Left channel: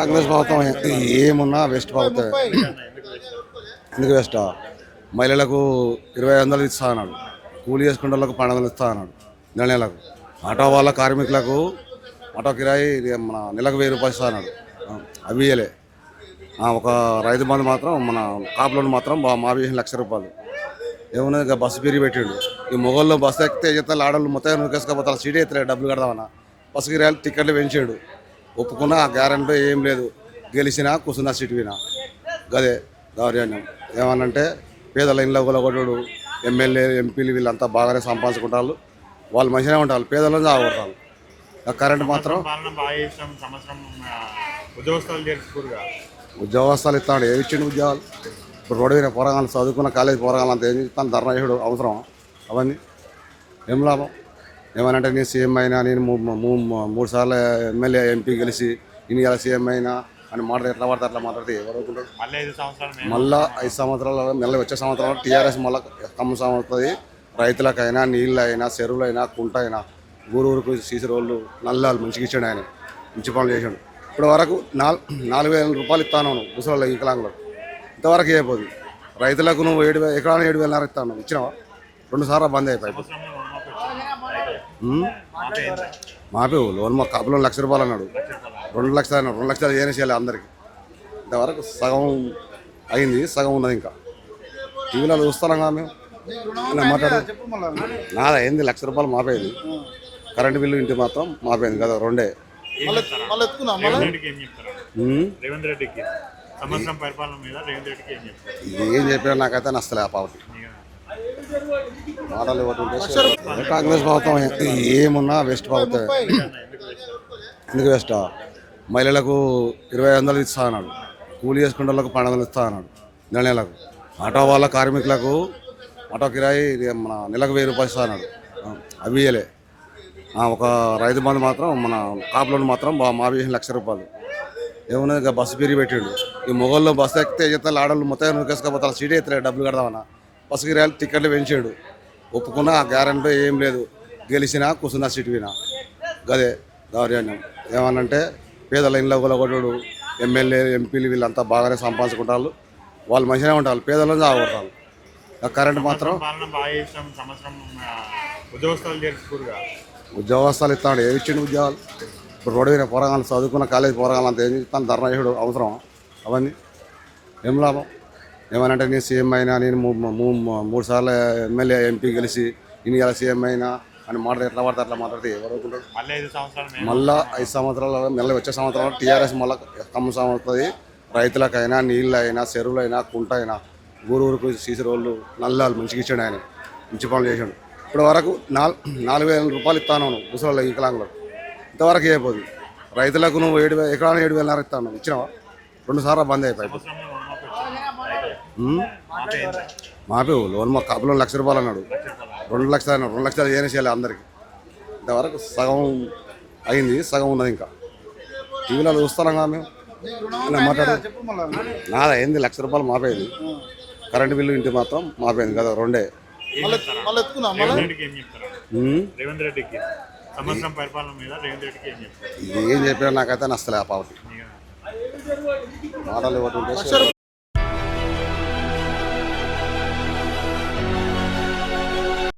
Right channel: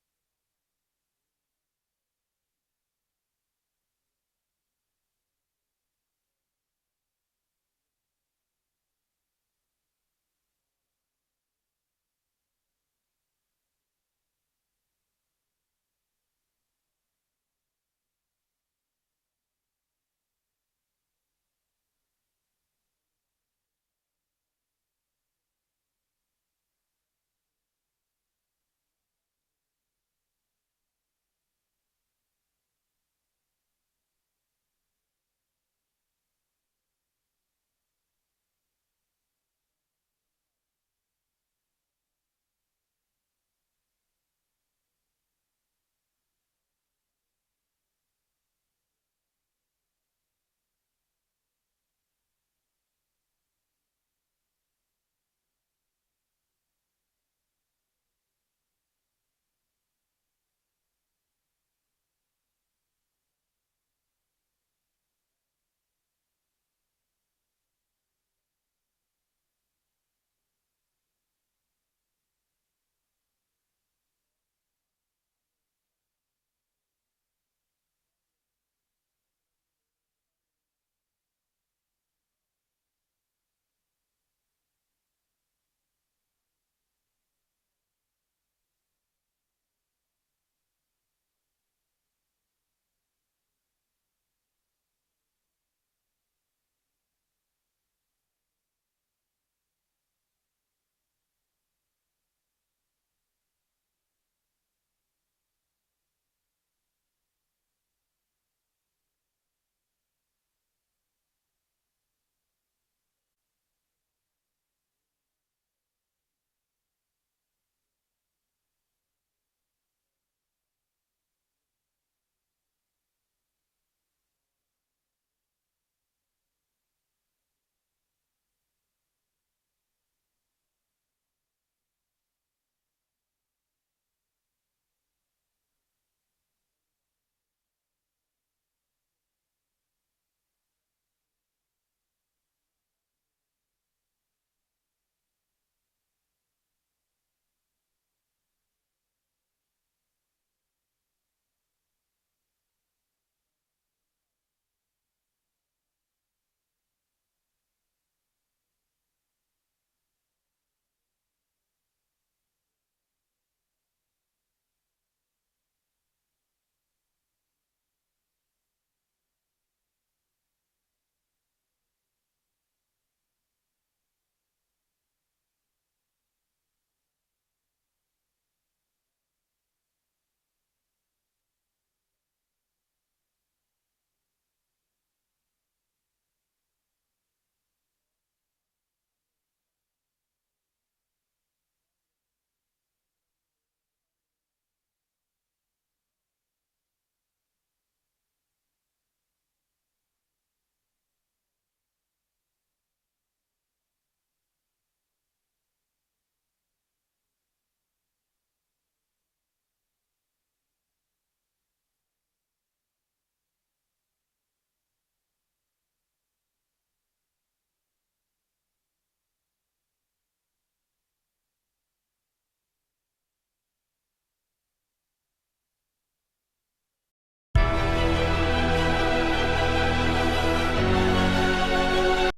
కాంగ్రెస్ ప్రభుత్వం ఏమున్నా వెస్ట్ ప్రభుత్వం ఎందుకు వెస్ట్? మహిళలకు ఇరవై ఐదు వందలు ఇస్తా అన్నాడు. కూలి చేసుకునే వాళ్ళకు పన్నెండు వందలు ఇస్తా అన్నాడు. నెల నెలకు. ఆటో వాళ్ళ కార్మికులకు ఆటో కిరాయి మన నెలకు వెయ్యి రూపాయలు ఇస్తా అన్నాడు. అవి ఇయ్యలే. ఒక రైతు బంధు మాత్రం మన కాపులను మాత్రం బా- మా వేసిన లక్ష రూపాయలు. ఏమున్నది ఇక బస్సు పెరిగి పెట్టిండు. ఈ మొగల్లో బస్సు ఎక్కితే ఎత్తాలి ఆడవాళ్ళు మొత్తం నూకేసుకపోతారు సీట్ ఎత్తలే డబ్బులు కడదామన్నా. బస్సు కిరాయిలు టికెట్లు పెంచాడు. ఒప్పుకున్నా గ్యారెంటీ ఏం లేదు. గెలిచినా కూర్చున్నా సీటు వినా గదే దౌర్జన్యం ఏమనంటే పేదల ఇళ్ళ కొలగొట్టుడు ఎమ్మెల్యే ఎంపీలు వీళ్ళంతా బాగానే సంపాదించుకుంటారు వాళ్ళు మంచిగానే ఉంటారు. పేదలను చావగొడతారు. ఆ కరెంట్ మాత్రం ఉద్యోగస్తులు ఇస్తాడు. ఏమి ఇచ్చిండు ఉద్యోగాలు? ఇప్పుడు రోడ్డు మీద పోరగాలు చదువుకున్న కాలేజ్ పోరగాలు అంత ఏం చెప్తాను ధర్నా చేసుడు అవసరం అవన్నీ ఏం లాభం? ఏమనంటే నేను సీఎం అయినా నేను మూడు సార్లు ఎమ్మెల్యే ఎంపీ గెలిచి నేను ఇలా సీఎం అయినా అని మాట ఎట్లా పడితే అట్లా మాట్లాడితే ఎవరు అవుతుంటారు మళ్ళీ ఐదు సంవత్సరాలు మళ్ళా వచ్చే సంవత్సరాలు టీఆర్ఎస్ మళ్ళీ కమ్మ అవుతుంది రైతులకైనా నీళ్ళైనా చెరువులైనా కుంట అయినా ఊరూరుకు సీసీ రోడ్లు నల్లాలు మంచిగా ఇచ్చాడు ఆయన. మంచి పనులు చేశాడు. ఇప్పుడు వరకు నాలుగు వేల రూపాయలు ఇస్తాను ముసలి వికలాంగులకు ఇంతవరకు అయిపోదు. రైతులకు నువ్వు ఏడు వేల ఎకరాలు ఏడు వేలన్నర ఇస్తాను ఇచ్చినావా? రెండు సార్లు బంద్ అయిపోయి మాపే లోన్ మా కప్పులో లక్ష రూపాయలు అన్నాడు. రెండు లక్షలు అన్నాడు. రెండు లక్షలు ఏం చేయాలి అందరికి? ఇంతవరకు సగం అయింది సగం ఉన్నది ఇంకా. టీవీలో చూస్తున్నాం కదా మేము. మాట్లాడు. నాదా అయింది లక్ష రూపాయలు మాపేది. కరెంటు బిల్లు ఇంటి మాత్రం మాపేది కదా రెండే. ఏం చెప్పినా నాకైతే నచ్చలే ఆ పాపకి. ఒకటి ఉంటే కాంగ్రెస్ ప్రభుత్వం ఏమున్నా వెస్ట్ ప్రభుత్వం. ఎందుకు వెస్ట్? మహిళలకు ఇరవై వందలు ఇస్తా అన్నాడు. కూలి చేసుకునే వాళ్ళకు పన్నెండు వందలు ఇస్తా అన్నాడు. నెల నెలకు. ఆటో వాళ్ళ కార్మికులకు ఆటో కిరాయి మన నెలకు వెయ్యి రూపాయలు ఇస్తా అన్నాడు. అవి ఇయ్యలే. ఒక రైతు బంధు మాత్రం మన కాపులను మాత్రం మా వేసిన లక్ష రూపాయలు. ఏమున్నది? ఇక బస్సు పెరిగి పెట్టిండు. ఈ మొగల్లో బస్సు ఎక్కితే చెప్తారు ఆడవాళ్ళు మొత్తం నూకేసుకపోతారు సీట్ ఎత్తలే డబ్బులు కడదామన్నా. బస్సు టికెట్లు పెంచాడు. ఒప్పుకున్నా ఆ గ్యారెంటీ ఏం లేదు. గెలిచినా కూర్చున్నా సీటు వినా గదే దౌర్జన్యం. ఏమనంటే పేదల ఇంట్లో కూలగొట్టడు ఎమ్మెల్యే ఎంపీలు వీళ్ళంతా బాగానే సంపాదించుకుంటారు. వాళ్ళు మంచిగానే ఉంటారు. పేదలను చావగొడతారు. ఆ కరెంట్ మాత్రం పాలన ఇస్తాడు. ఏమి ఇచ్చిండు ఉద్యోగాలు? ఇప్పుడు రోడ్డు మీద పోరగాలు చదువుకున్న కాలేజీ పోరగాలు అంత ఏం ఇస్తాను ధర్నా అవసరం. అవన్నీ ఏం లాభం? ఏమనంటే నేను సీఎం అయినా నేను మూడు సార్లు ఎమ్మెల్యే ఎంపీ గెలిచి నేను ఇలా సీఎం అయినా అని మాట ఎట్లా పడితే అట్లా మాట్లాడితే ఎవరు అవుతుంటారు మళ్ళీ ఐదు సంవత్సరాలు మళ్ళా వచ్చే సంవత్సరాలు టీఆర్ఎస్ మళ్ళీ కమ్మ అవుతుంది. రైతులకైనా నీళ్ళైనా చెరువులైనా కుంట అయినా ఊరూరుకు సీసీ రోడ్లు నల్లాలు మంచిగా ఇచ్చాడు ఆయన. మంచి పనులు చేశాడు. ఇప్పుడు వరకు నాలుగు నాలుగు వేల రూపాయలు ఇస్తాను ముసలి వికలాంగులకు ఇంతవరకు అయిపోదు. రైతులకు నువ్వు ఏడు వేల ఎకరాలు ఏడు వేలన్నర ఇస్తాను. ఇచ్చినావా? రెండు సార్లు బంద్ అయిపోయి మాపే లోన్ మా కప్పులో లక్ష రూపాయలు అన్నాడు. రెండు లక్షలు అన్నాడు. రెండు లక్షలు ఏం చేయాలి అందరికి? ఇంతవరకు సగం అయింది సగం ఉన్నది ఇంకా. టీవీలో కదా మేము. మాట్లాడు నాదా అయింది లక్ష రూపాయలు మాపేది. కరెంటు బిల్లు ఇంటి మాత్రం మాపేది కదా రెండే. ఏం చెప్పినా నాకైతే నచ్చలే ఆ పాపకి. మాటలు ఉంటే